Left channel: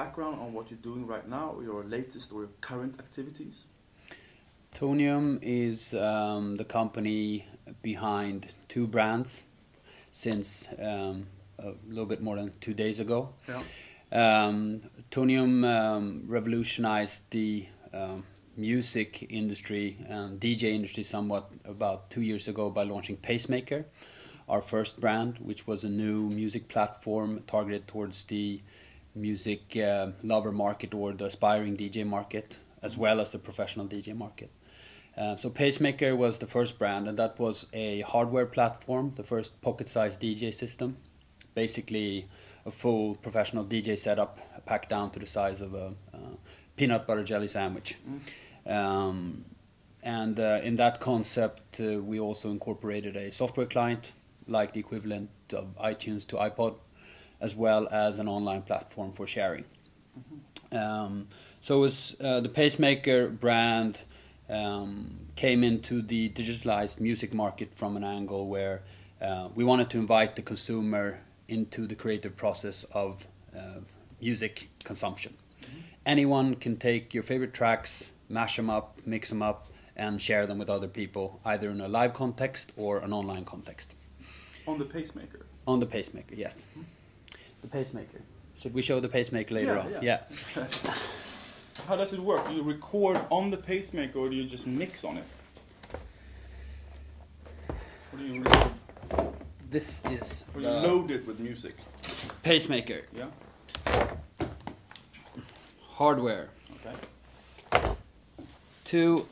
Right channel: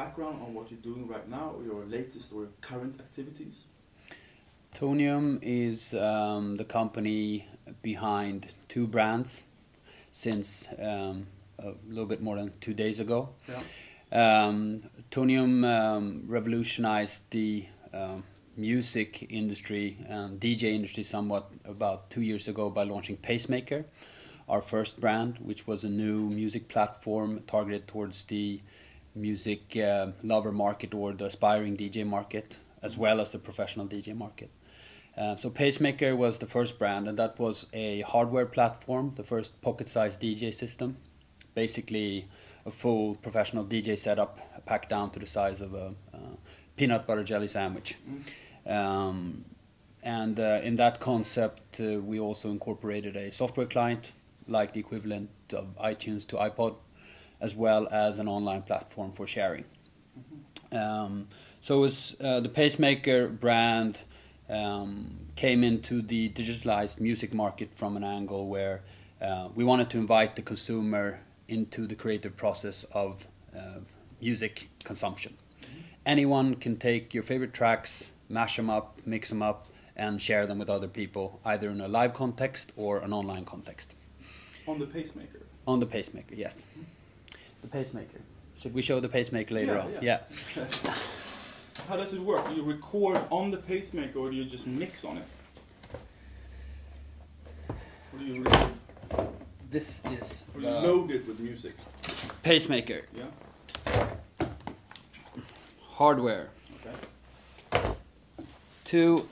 background on what you're doing right now, or your latest or current activities? Tonium is the company behind two brands since a little bit more than 2 days ago. Yeah. Tonium revolutionized the music industry, DJ industry somewhat about 2 years ago by launching Pacemaker, our first brand, which was a new music platform targeted towards the music lover market or the aspiring DJ market, as well as the professional DJ market. So Pacemaker was the first brand, and that was a hardware platform, the first pocket-sized DJ system, basically a full professional DJ setup packed down to the size of a peanut butter jelly sandwich. And in that concept, we also incorporated a software client, like the equivalent of iTunes to iPod, as well as an online platform for sharing. So it was the Pacemaker brand came into the digitalized music market from an angle where we wanted to invite the consumer into the creative process of music consumption. Anyone can take your favorite tracks, mash them up, mix them up, and share them with other people, either in a live context or an online context. On the Pacemaker? On the Pacemaker, yes. The Pacemaker. Should we show the Pacemaker later on? Yeah. How does it work? Do you record on the Pacemaker, or do you just mix on it? Or do you record? This is or you load it with music? Pacemaker. Yeah. Hardware. Okay. 2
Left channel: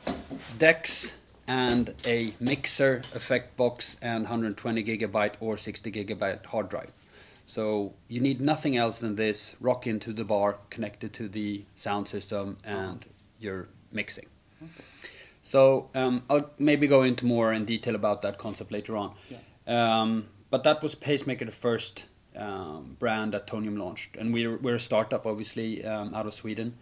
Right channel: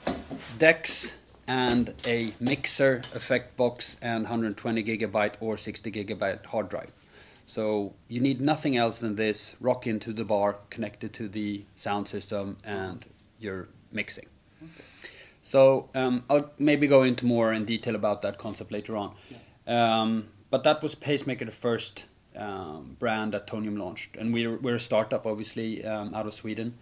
decks and a mixer, effect box, and 120 gigabyte or 60 gigabyte hard drive. So you need nothing else than this, rock into the bar, connected to the sound system, and you're mixing. Okay. So I'll maybe go into more in detail about that concept later on. Yeah. But that was Pacemaker, the first brand that Tonium launched. And we're a startup, obviously, out of Sweden.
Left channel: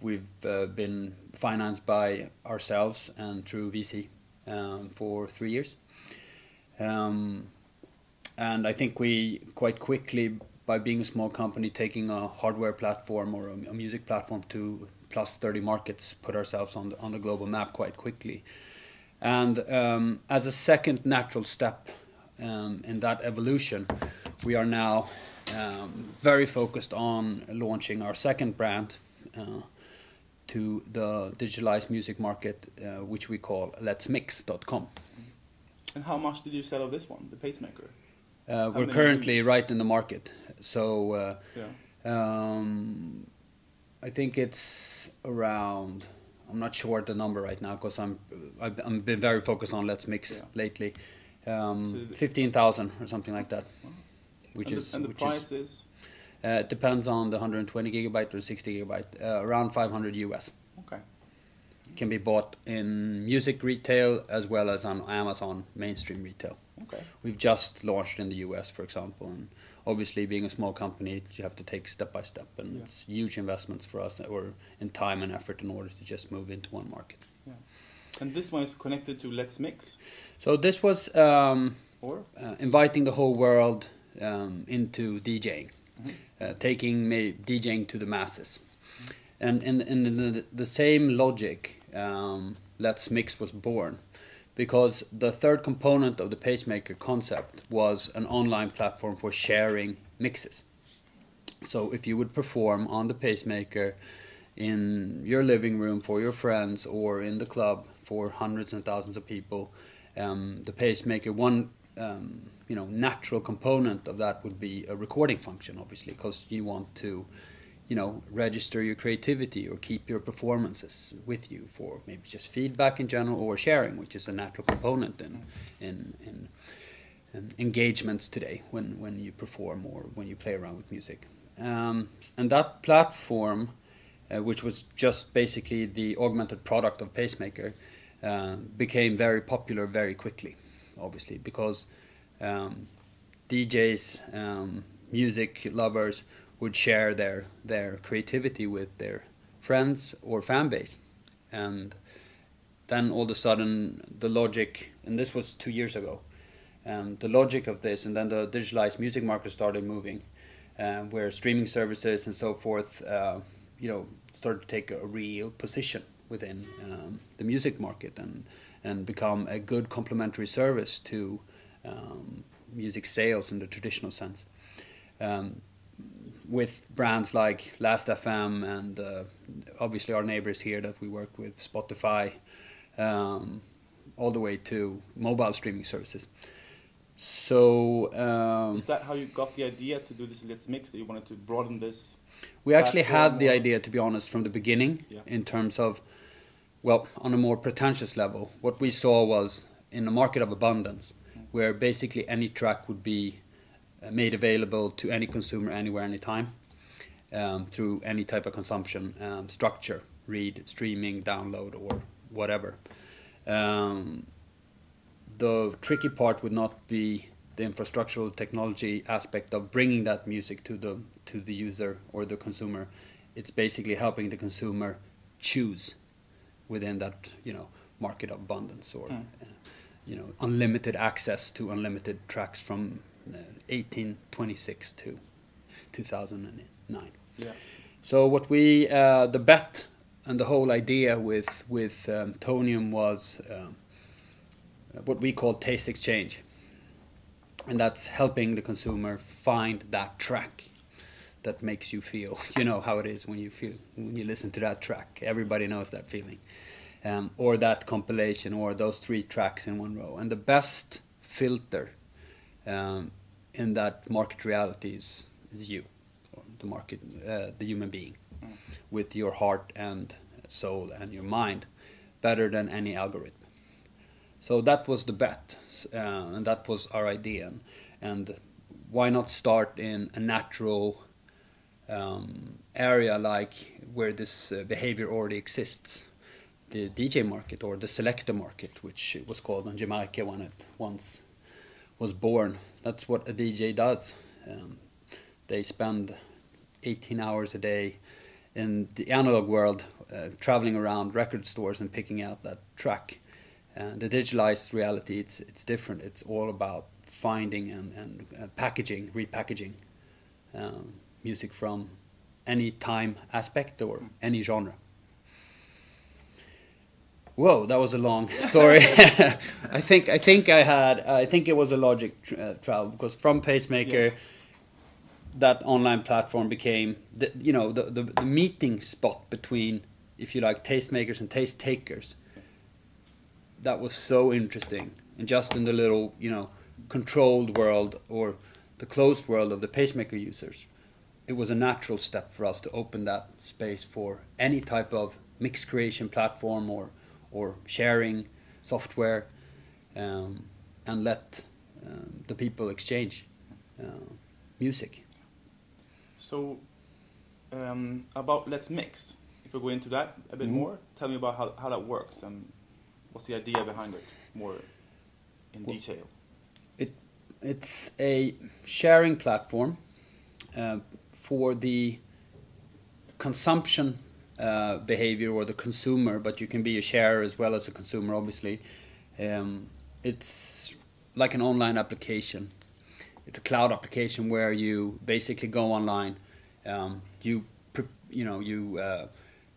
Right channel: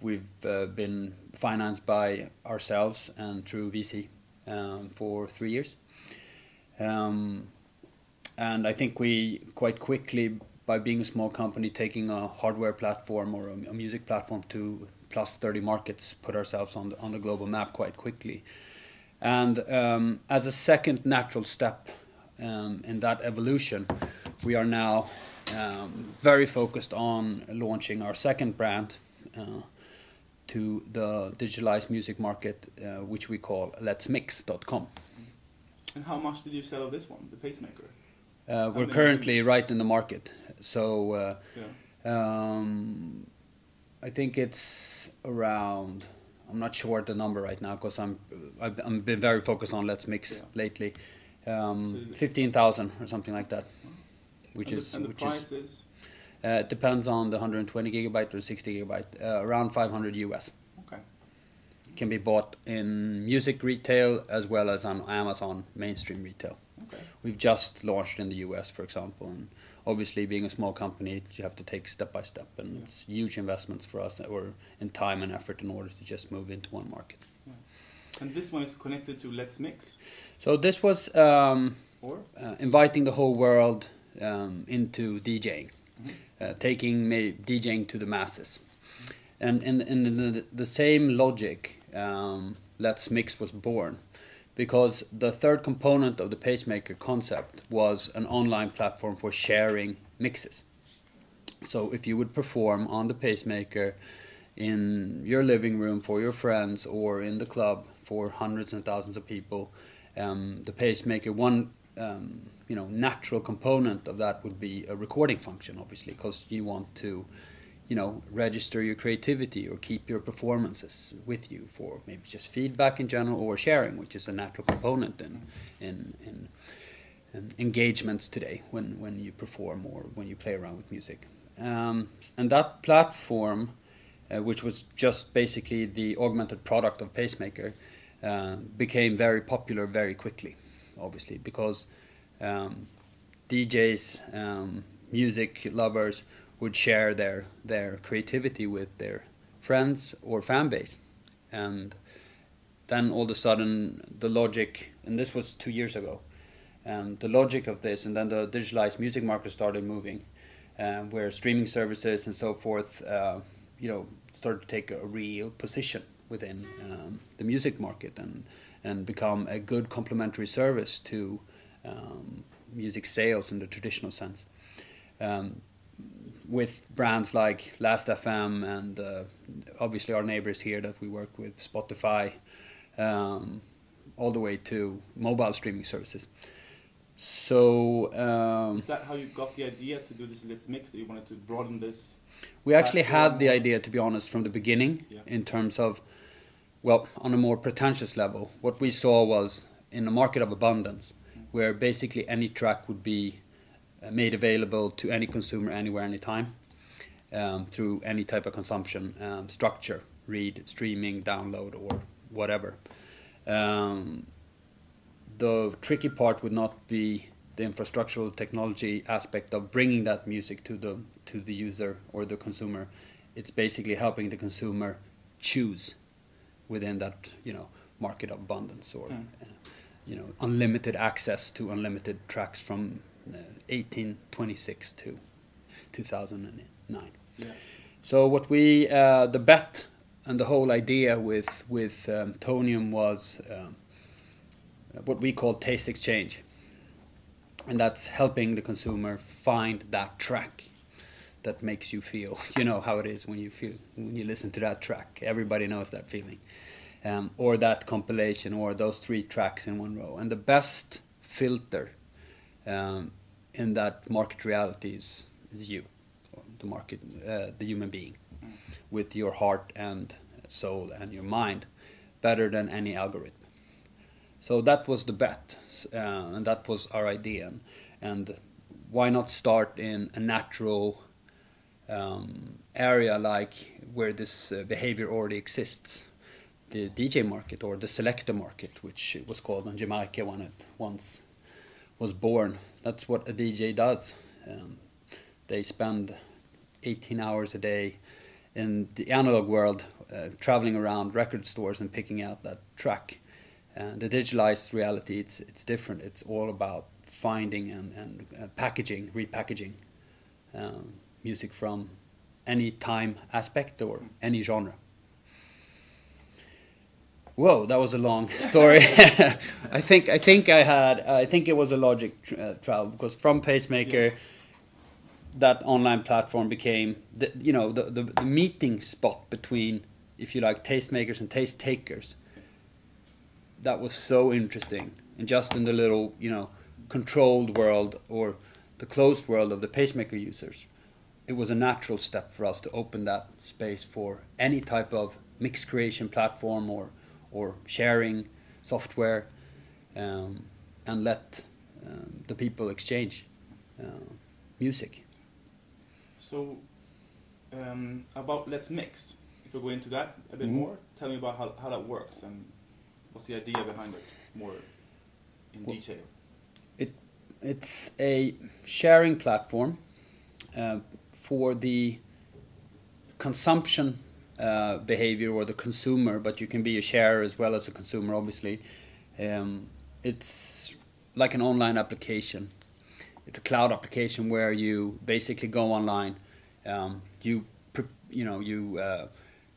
We've been financed by ourselves and through VC for 3 years. And I think we quite quickly, by being a small company, taking a hardware platform or a music platform to plus 30 markets, put ourselves on the global map quite quickly. And as a second natural step in that evolution, we are now very focused on launching our second brand to the digitalized music market, which we call letsmix.com. And how much did you sell of this one, the Pacemaker? We're currently right in the market, so I think it's around. I'm not sure the number right now because I've been very focused on Let's Mix lately. 15,000 or something like that, which is price is. Depends on the 120 gigabyte or 60 gigabyte. Around 500 US. Okay. Can be bought in music retail as well as on Amazon mainstream retail. Okay. We've just launched in the US, for example, and obviously being a small company, you have to take step by step, and it's huge investments for us, or in time and effort, in order to just move into one market. Yeah. And this one is connected to Let's Mix. So this was inviting the whole world into DJing, taking DJing to the masses, and in the same logic, Let's Mix was born. Because the third component of the Pacemaker concept was an online platform for sharing mixes. So if you would perform on the Pacemaker in your living room for your friends or in the club for hundreds and thousands of people, the Pacemaker, one natural component of that would be a recording function, obviously, because you want to register your creativity or keep your performances with you for maybe just feedback in general, or sharing, which is a natural component in engagements today when you perform or when you play around with music. And that platform, which was just basically the augmented product of Pacemaker, became very popular very quickly, obviously, because DJs, music lovers, would share their creativity with their friends or fan base. And then all of a sudden the logic, and this was 2 years ago, the logic of this, and then the digitalized music market started moving. where streaming services and so forth, started to take a real position within the music market and become a good complementary service to music sales in the traditional sense. With brands like Last.fm and obviously our neighbors here that we work with, Spotify, all the way to mobile streaming services. So is that how you got the idea to do this Let's Mix, that you wanted to broaden this? We actually had the idea, to be honest, from the beginning, in terms of, well, on a more pretentious level. What we saw was in a market of abundance, where basically any track would be made available to any consumer anywhere, anytime, through any type of consumption structure, read, streaming, download, or whatever. The tricky part would not be the infrastructural technology aspect of bringing that music to the user or the consumer. It's basically helping the consumer choose within that market of abundance, or unlimited access to unlimited tracks from 1826 to 2009. Yeah. So what we the bet and the whole idea with Tonium was what we call taste exchange, and that's helping the consumer find that track that makes you feel, how it is when you listen to that track. Everybody knows that feeling, or that compilation, or those 3 tracks in one row. And the best filter in that market reality is you, the market, the human being, with your heart and soul and your mind, better than any algorithm. So that was the bet, and that was our idea. And why not start in a natural area like where this behavior already exists? The DJ market, or the selector market, which it was called on Jamaica when it once was born. That's what a DJ does. They spend 18 hours a day in the analog world, traveling around record stores and picking out that track. The digitalized reality, it's different. It's all about finding and packaging, repackaging music from any time aspect or any genre. Whoa, that was a long story. I think it was a logic travel, because from Pacemaker, yes, that online platform became the meeting spot between, if you like, tastemakers and taste takers. That was so interesting, and just in the little controlled world, or the closed world of the Pacemaker users, it was a natural step for us to open that space for any type of mix creation platform or sharing software, and let the people exchange music. So about Let's Mix, if we go into that a bit more, tell me about how that works and what's the idea behind it more in detail. It's a sharing platform for the consumption behavior, or the consumer, but you can be a sharer as well as a consumer, obviously. It's like an online application. It's a cloud application where you basically go online, you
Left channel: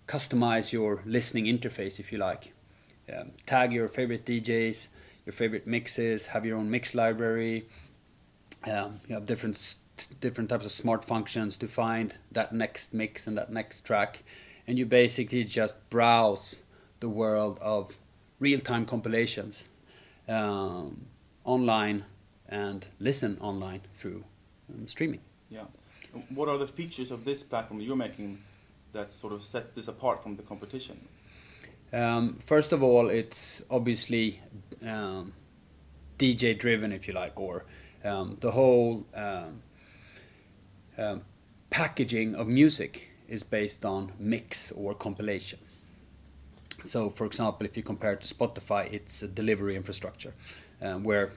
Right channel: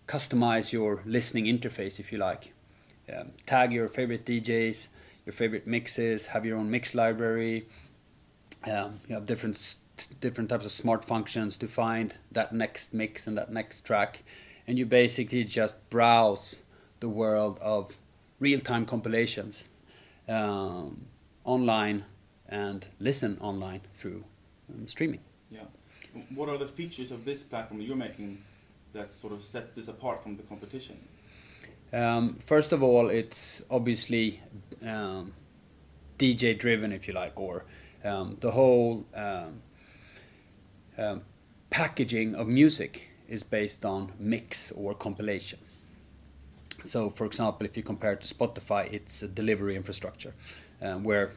customize your listening interface, if you like. Tag your favorite DJs, your favorite mixes, have your own mix library. You have different types of smart functions to find that next mix and that next track. And you basically just browse the world of real-time compilations online, and listen online through streaming. Yeah. What are the features of this platform you're making that sort of set this apart from the competition? First of all, it's obviously DJ driven, if you like, or the whole packaging of music is based on mix or compilation. So, for example, if you compare it to Spotify, it's a delivery infrastructure where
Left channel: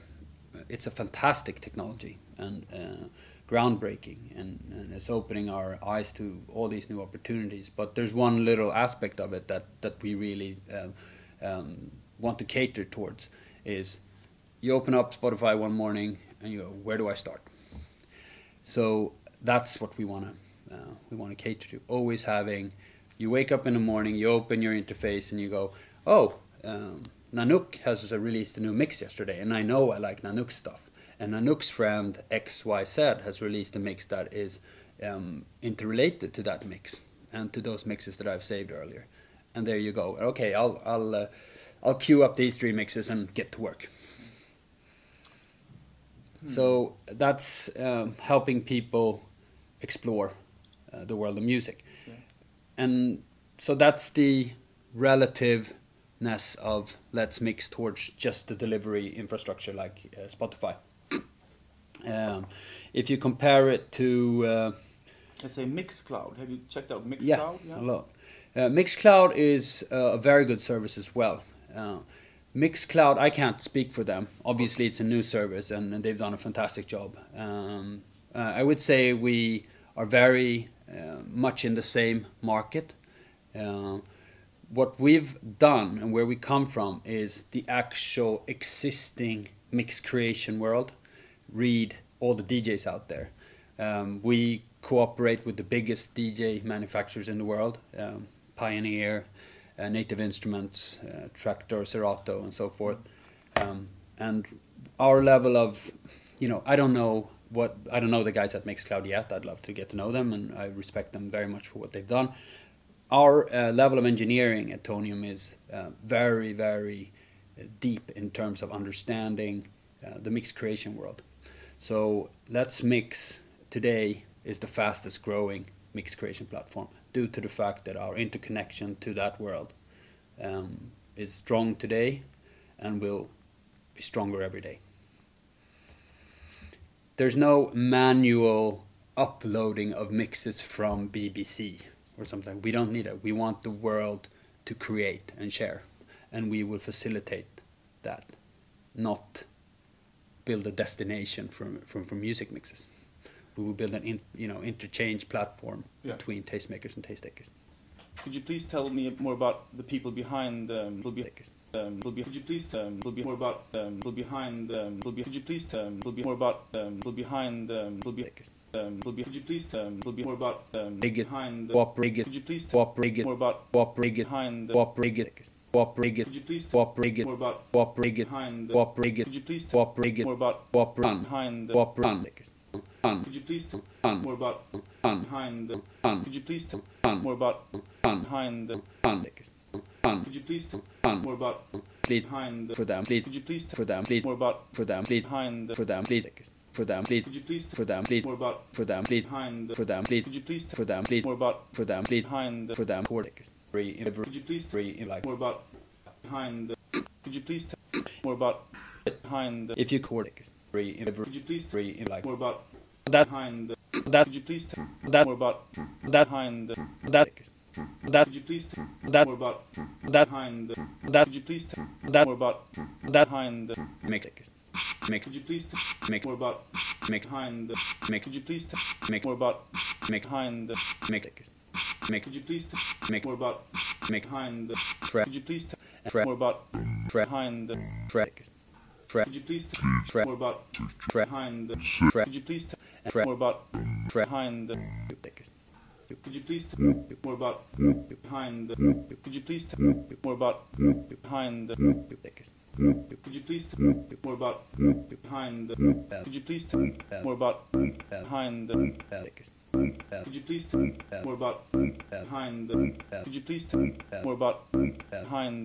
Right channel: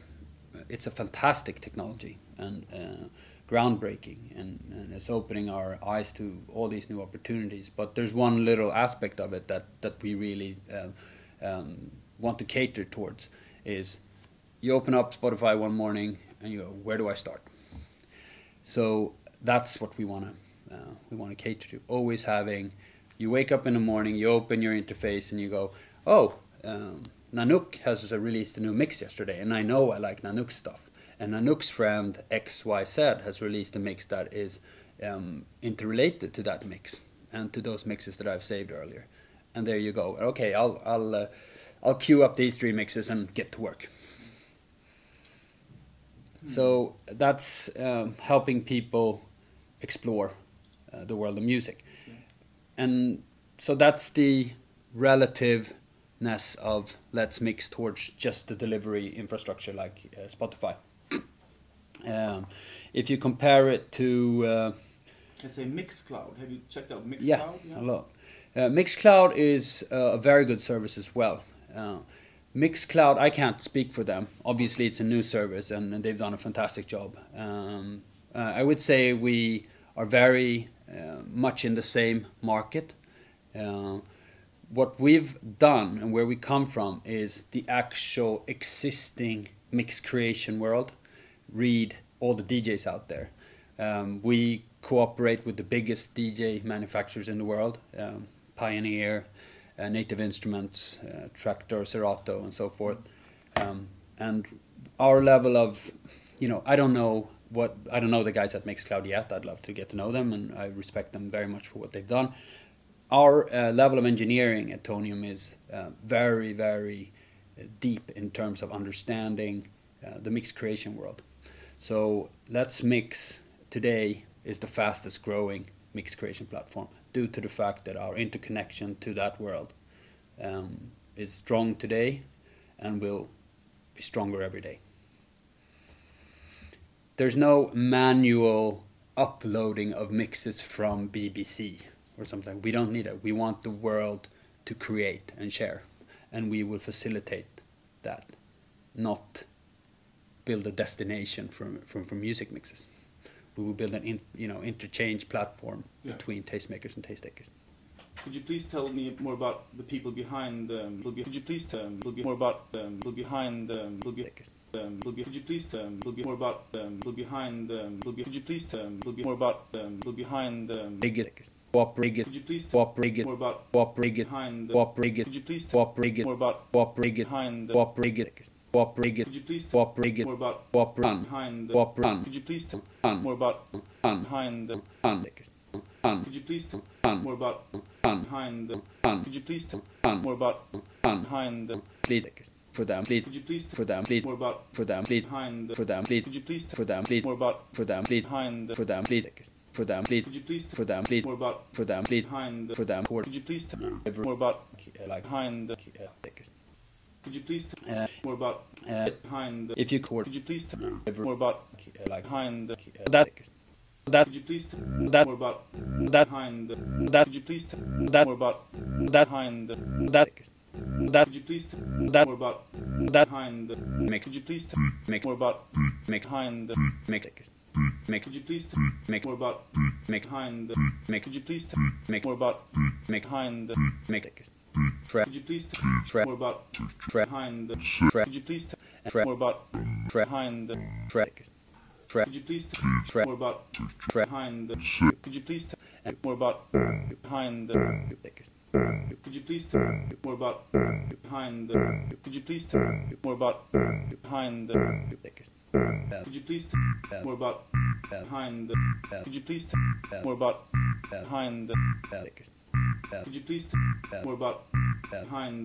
it's a fantastic technology and groundbreaking, and it's opening our eyes to all these new opportunities. But there's one little aspect of it that we really want to cater towards, is you open up Spotify one morning and you go, where do I start? So that's what we want to cater to. Always having, you wake up in the morning, you open your interface and you go, oh, Nanook has released a new mix yesterday, and I know I like Nanook stuff. And Nanook's friend XYZ has released a mix that is interrelated to that mix and to those mixes that I've saved earlier. And there you go. Okay, I'll queue up these 3 mixes and get to work. So that's helping people explore the world of music. And so that's the relativeness of Let's Mix towards just the delivery infrastructure like Spotify. If you compare it to... let's say Mixcloud. Have you checked out Mixcloud? Yeah, a lot. Mixcloud is a very good service as well. Mixcloud, I can't speak for them. Obviously, it's a new service, and they've done a fantastic job. I would say we are very much in the same market. What we've done and where we come from is the actual existing mix creation world. Read all the DJs out there. We cooperate with the biggest DJ manufacturers in the world, Pioneer, Native Instruments, Traktor, Serato, and so forth. And our level of, I don't know the guys at Mixcloud yet. I'd love to get to know them, and I respect them very much for what they've done. Our level of engineering at Tonium is very, very deep in terms of understanding the mix creation world. So Let's Mix today is the fastest growing mix creation platform due to the fact that our interconnection to that world is strong today and will be stronger every day. There's no manual uploading of mixes from BBC or something. We don't need it. We want the world to create and share, and we will facilitate that, not build a destination for music mixes. We will build an interchange platform between tastemakers and taste takers. Could you please tell me more about the people behind? Could you please tell me more about people behind? Could you please tell me more about people behind? Could you please tell me more about people behind? Could you please tell me more about behind? Could you please tell me more about behind? Could you please tell me more about behind? Could you please tell me more about behind? Could you please tell me more about behind? Could you please tell me more about behind? For them, please. Could you please For them, please. more about For them, please. behind? For them, please. Could you please For them, please. more about For them, please. behind? For them, please. Behind? For them, please. Could you please For them, please. more about For them, please. behind? For them, Could you please free. more about Free. Like behind? Behind? Could you please more about behind? if you court Could you please free. more about Free. Like behind? that. Behind? That. Could you please That. more about That. behind? That. Could you please That. more about That. behind? That. Behind? That. Could you please That. more about That. behind? Mix. Could you please Mix. more about Mix. behind? Mix. Behind? Mix. Could you please Mix. more about Mix. behind? Mix. Could you please Mix. more about Mix. behind? Mix. Behind? Fre. Could you please Fre. more about Fre. behind? Fre. Could you please Fre. more about Fre. behind? Fre. Behind? Fre. Could you please Fre. more about Fre. behind? Could you please more about behind? Behind? Could you please more about behind? Could you please more about behind? Behind? Could you please more about behind? Could you please more about behind? Behind? Could you please more about behind?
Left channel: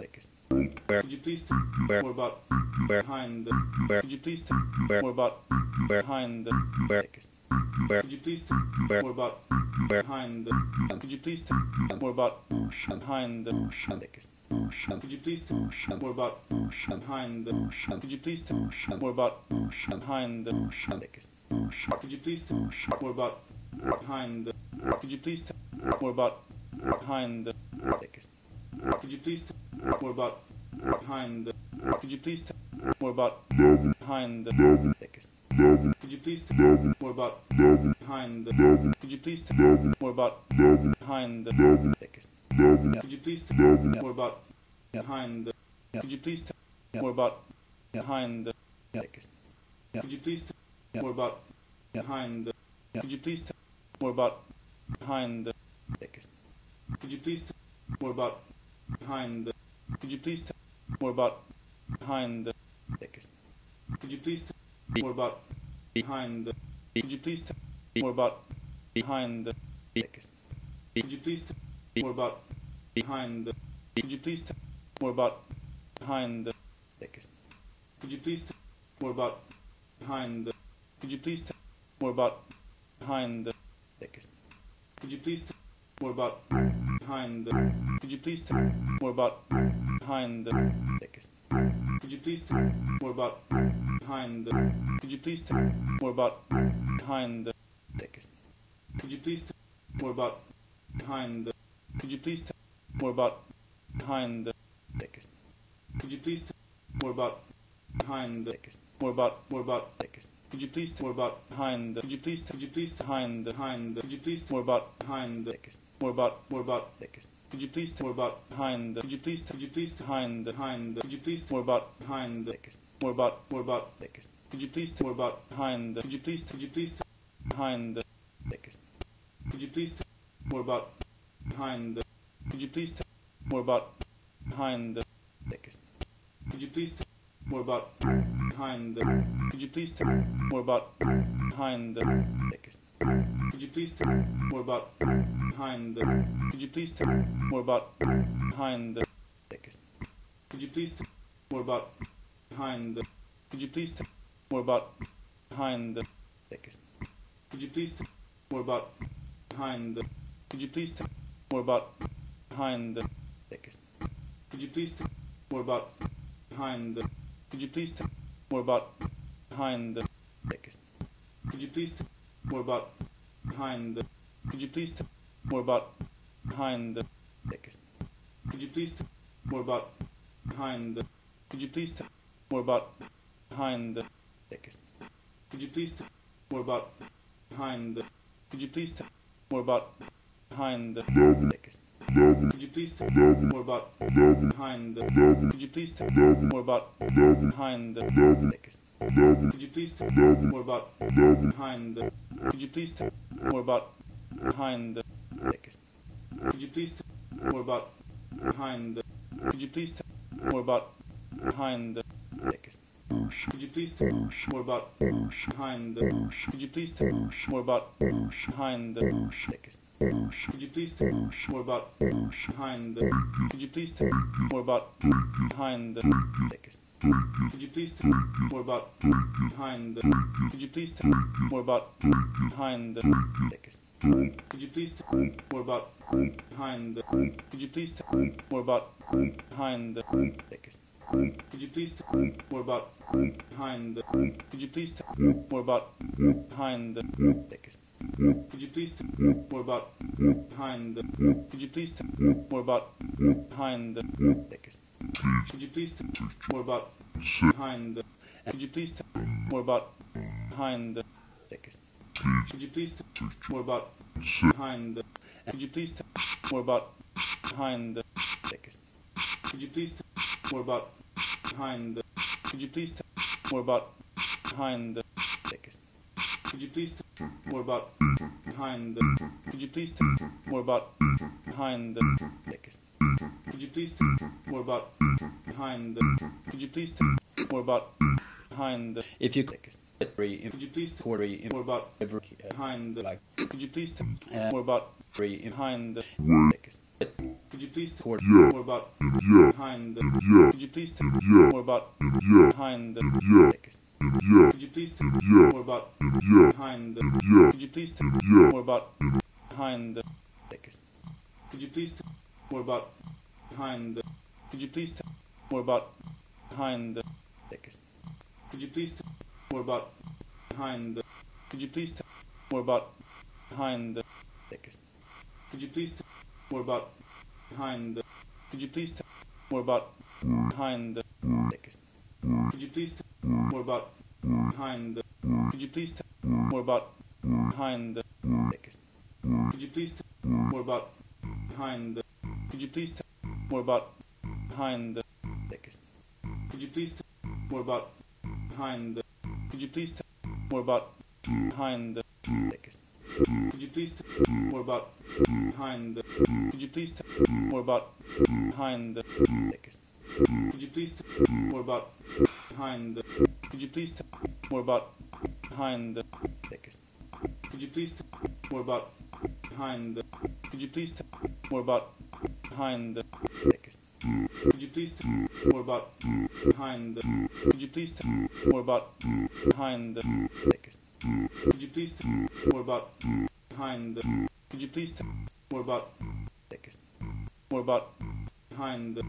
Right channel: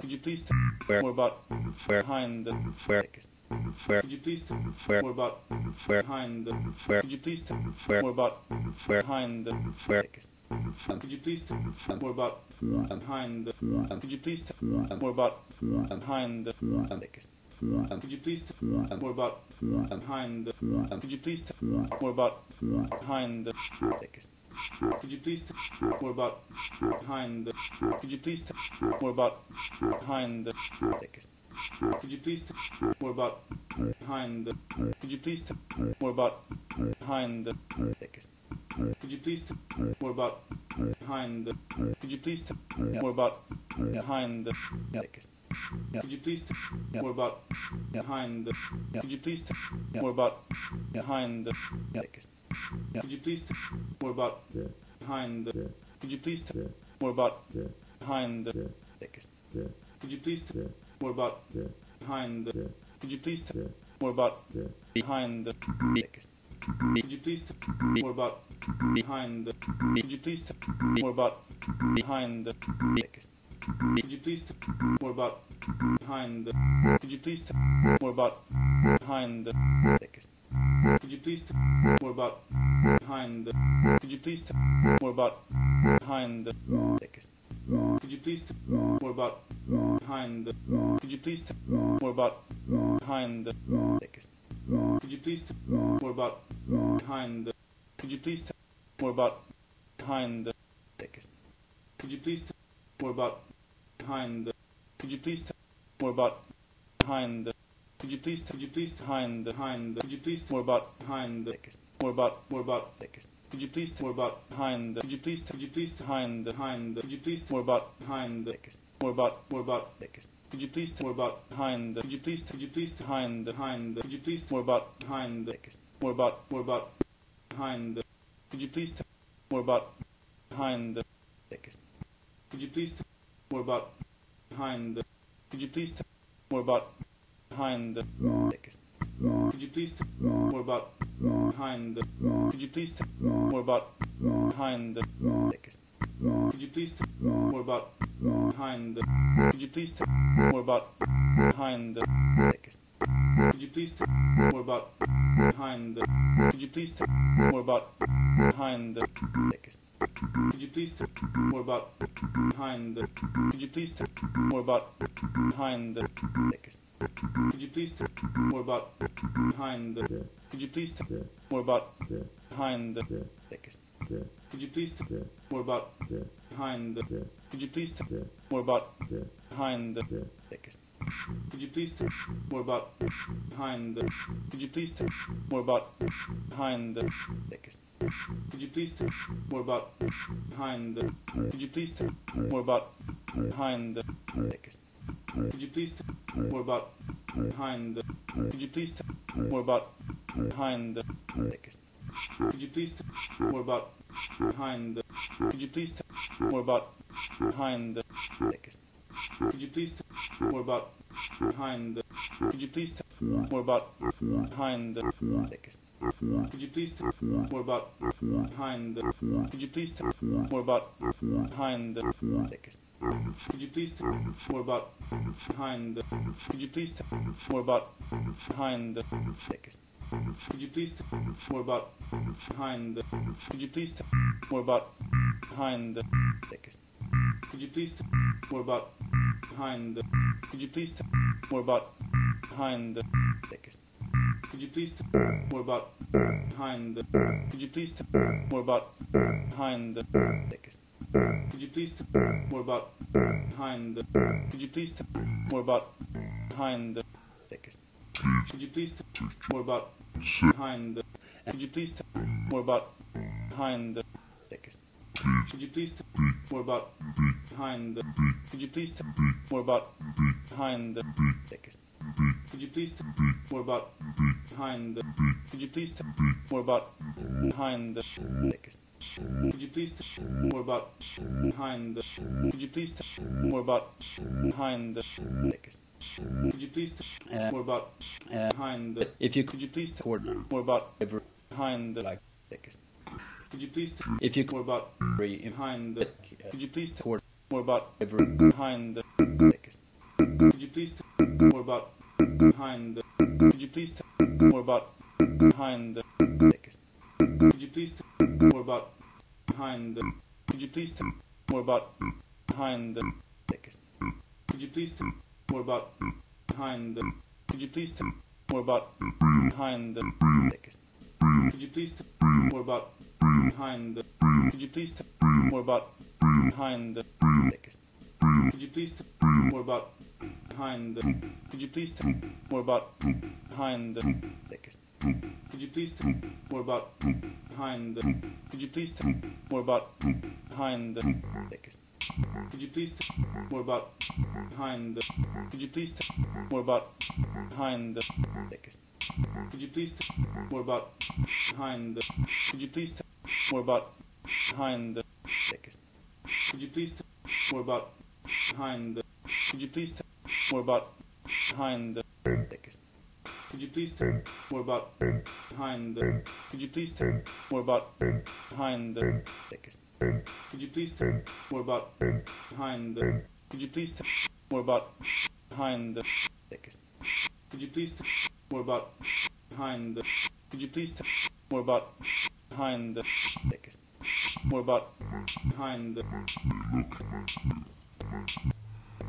Could you please Where. more about Where. behind? Where. Behind? Where. Could you please Where. more about Where. behind? Where. Could you please Where. more about Where. behind? Where. Behind? Could you please more about behind? Could you please more about behind? Behind? Could you please more about behind? Could you please more about behind? Behind? Could you please more about behind? Could you please more about behind? Behind? Could you please more about behind? Could you please more about behind? Behind? Could you please more about behind? behind the could you please tell me more about behind the behind the could you please tell me more about behind the could you please tell me more about behind the behind the could you please tell me more about behind the could you please tell me more about behind the behind the could you please tell me more about behind the could you please tell me more about behind the behind the could you please tell me more about behind the could you please tell me more about behind the behind the could you please tell me more about behind the could you please tell me more about behind the behind the could you please tell me more about behind the could you please tell me more about behind the behind the could you please tell me more about behind the could you please tell me more about behind the behind the could you please tell me more about behind the could you please tell me more about behind the behind the could you please tell me more about behind the could you please tell me more about behind the could you please more about behind could you please more about behind behind could you please more about behind could you please more about behind could you please more about behind could you please more about behind more about more about behind could you please more about behind could you please more about behind could you please more about behind more about more about behind could you please more about behind behind could you please more about behind could you please more about behind behind could you please more about behind could you please more about behind behind could you please more about behind could you please more about behind behind could you please more about behind could you please more about behind behind could you please more about behind could you please more about behind behind could you please more about behind could you please more about behind behind could you please more about behind could you please more about behind behind could you please more about behind could you please more about behind behind could you please more about behind could you please more about behind behind could you please more about behind could you please more about behind behind could you please more about behind could you please more about behind behind could you please more about behind could you please more about behind behind could you please more about behind could you please more about behind behind could you please more about behind could you please more about behind behind could you please more about behind could you please more about behind behind could you please more about behind could you please more about behind behind could you please more about behind could you please more about behind behind could you please more about behind could you please more about behind behind could you please more about behind could you please more about behind behind could you please more about behind could you please more about behind behind could you please more about behind could you please more about behind behind could you please more about behind could you please more about behind behind could you please more about behind if you could you please worry more about worry behind behind could you please if you more about worry behind could you please more about behind behind could you please more about behind could you please more about behind behind could you please more about behind could you please more about behind behind could you please more about behind could you please more about behind behind could you please more about behind could you please more about behind behind could you please more about behind? Could you please tell me more about behind? Could you please tell me more about behind? Could you please tell me more about behind? Could you please tell me more about behind? Could you please tell me more about behind? Could you please tell me more about behind? Could you please tell me more about behind? Could you please tell me more about behind? Could you please tell me more about behind? Could you please tell me more about behind? Could you please tell me more about behind? Could you please tell me more about behind? Could you please tell me more about behind? Could you please tell me more about behind? Could you please tell me more about behind? More about behind? More about behind?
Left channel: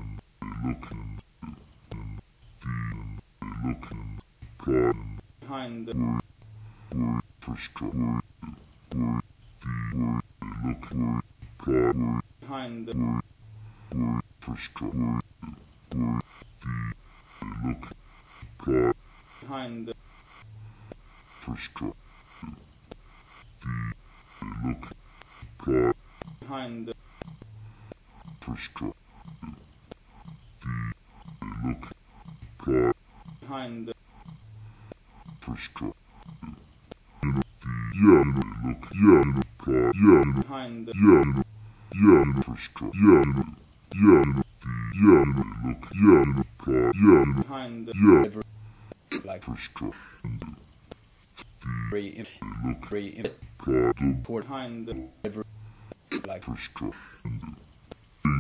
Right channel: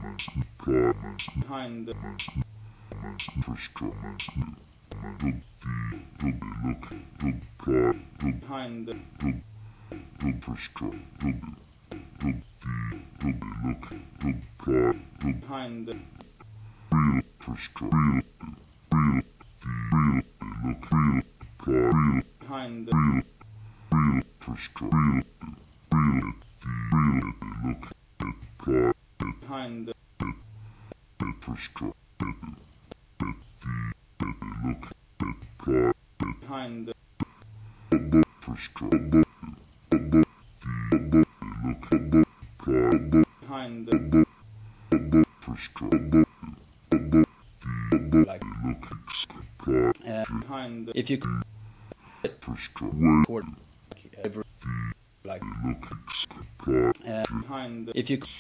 Behind? Behind? If you could if you could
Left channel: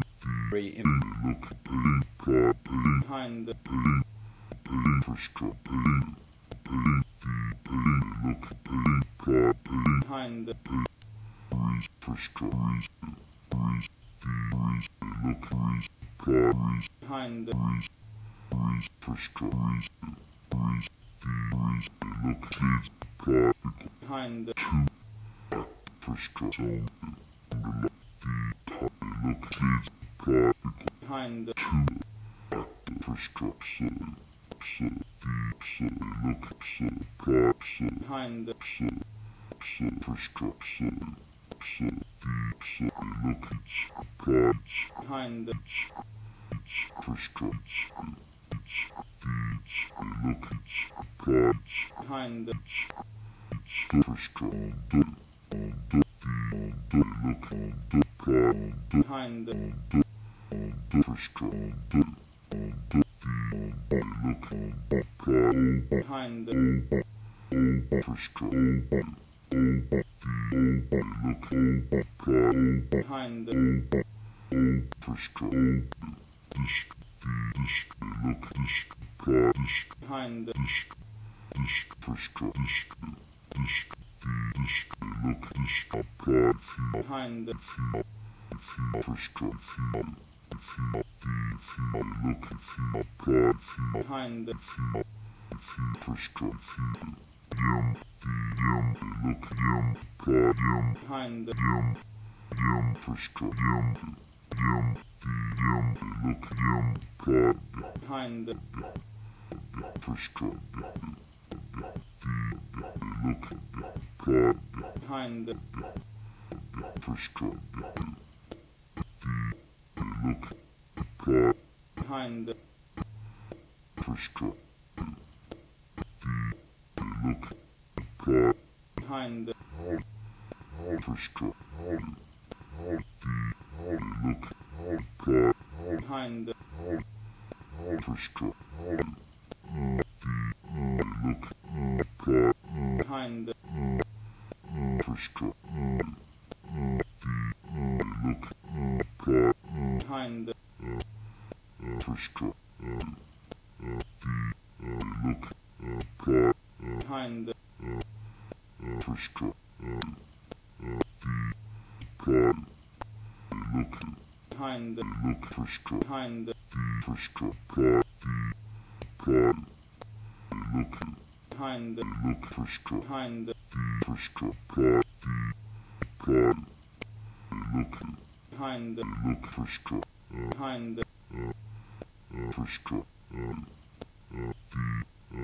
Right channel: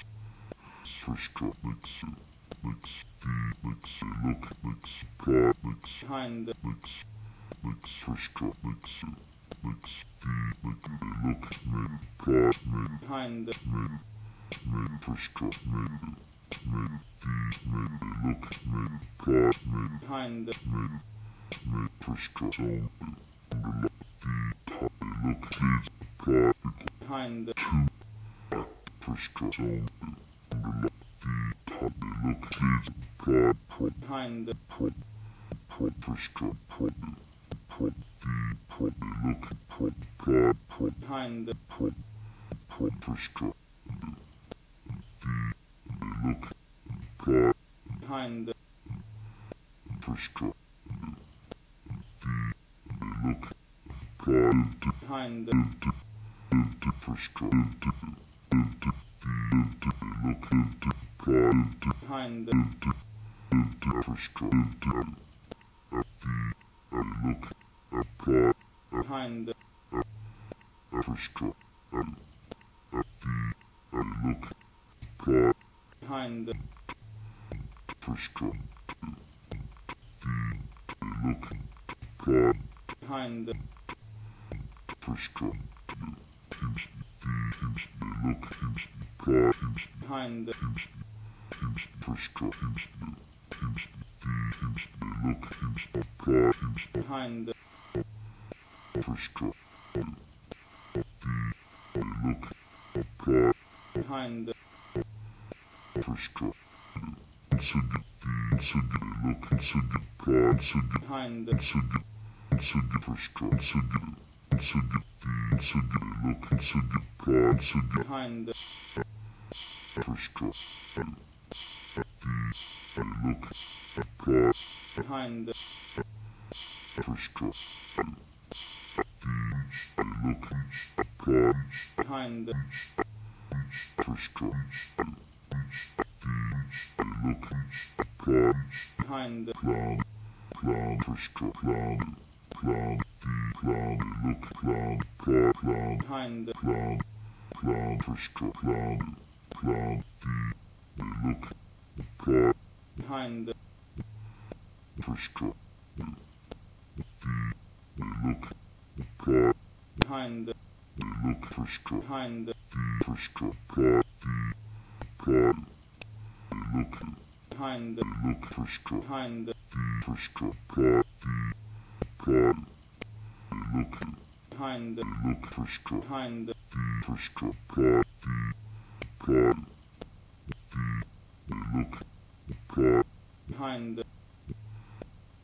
behind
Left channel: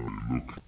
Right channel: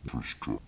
behind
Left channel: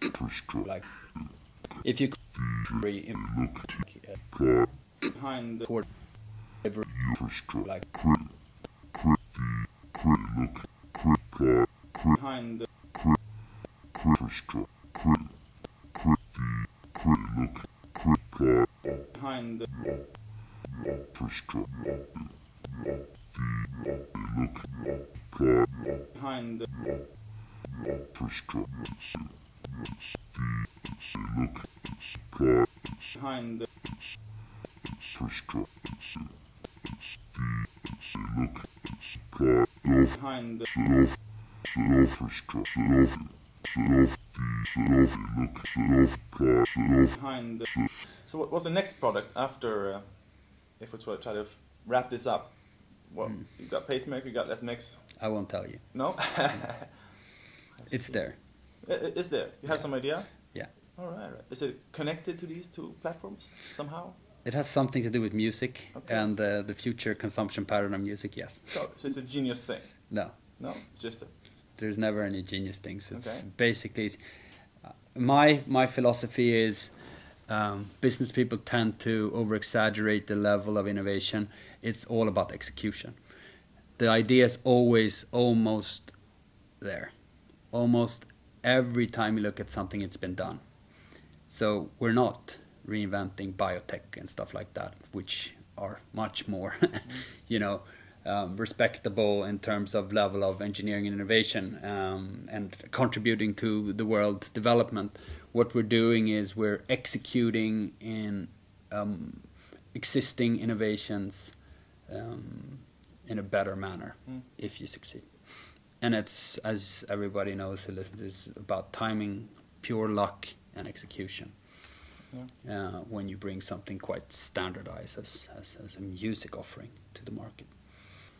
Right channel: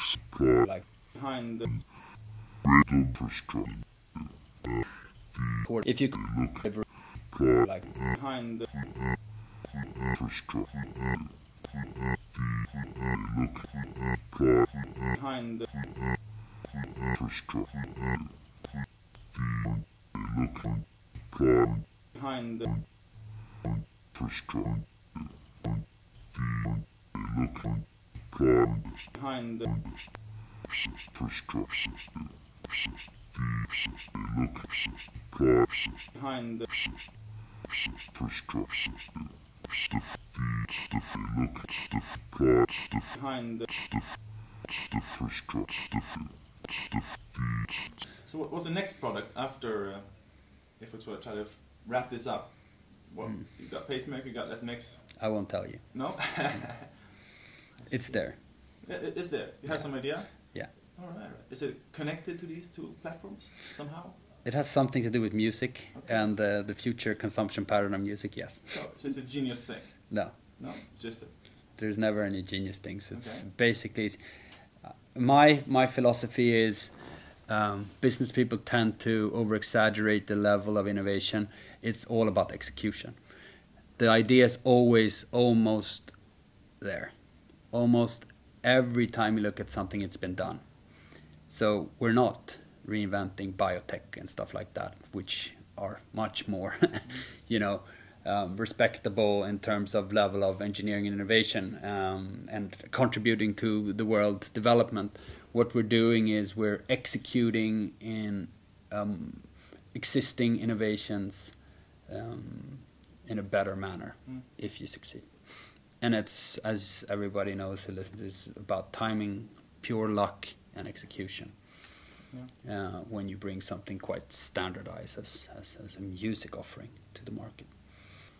behind like if you if you ever like So what's the next product after, if we try to wrap this up? Well, you got Pacemaker, you got Let's Mix. I won't tell you. No? It's there. It's there. You have some idea? Yeah. All right. Is it connected to these two platforms somehow? It has something to do with music, okay, and the future consumption pattern of music, yes. So it's a genius thing? No. No? It's just a... There's never any genius things. It's okay, basically... my philosophy is business people tend to over-exaggerate the level of innovation. It's all about execution. The idea is always almost there. Almost every time you look at something, it's been done. So we're not reinventing biotech and stuff like that, which are much more, respectable in terms of level of engineering and innovation, and contributing to the world development. What we're doing is we're executing in existing innovations in a better manner if you succeed. And it's, as everybody knows who listens, it's about timing, pure luck, and execution. Yeah. When you bring something quite standardized as a music offering to the market.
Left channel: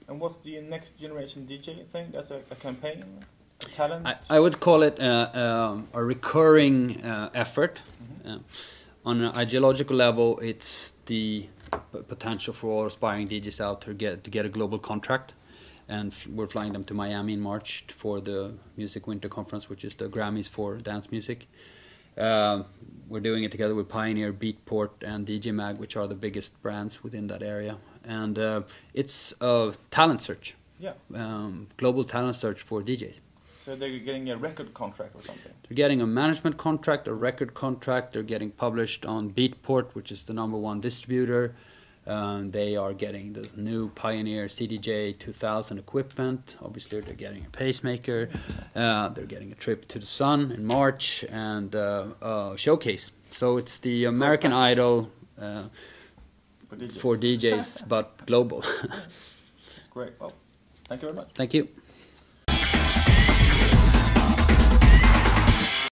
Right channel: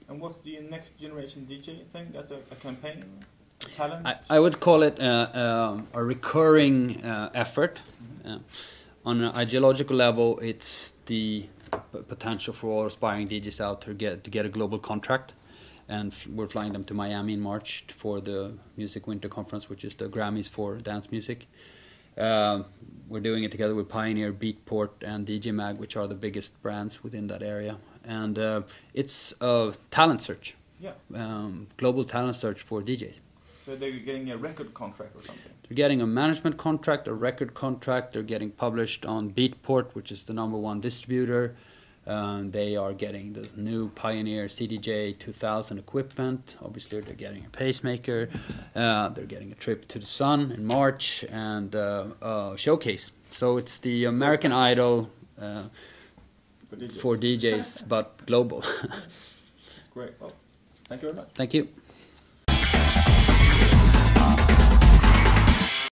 And what's the next generation DJ thing? As a campaign, a talent? I would call it a recurring effort. on an ideological level, it's the potential for all aspiring DJs out to get a global contract, and we're flying them to Miami in March for the Music Winter Conference, which is the Grammys for dance music. We're doing it together with Pioneer, Beatport, and DJ Mag, which are the biggest brands within that area, and it's a talent search. Yeah. Global talent search for DJs. So they're getting a record contract or something? They're getting a management contract, a record contract. They're getting published on Beatport, which is the #1 distributor. They are getting the new Pioneer CDJ 2000 equipment. Obviously, they're getting a Pacemaker. They're getting a trip to the sun in March and a showcase. So it's the American Idol for DJs, but global. Great. Well, thank you very much. Thank you.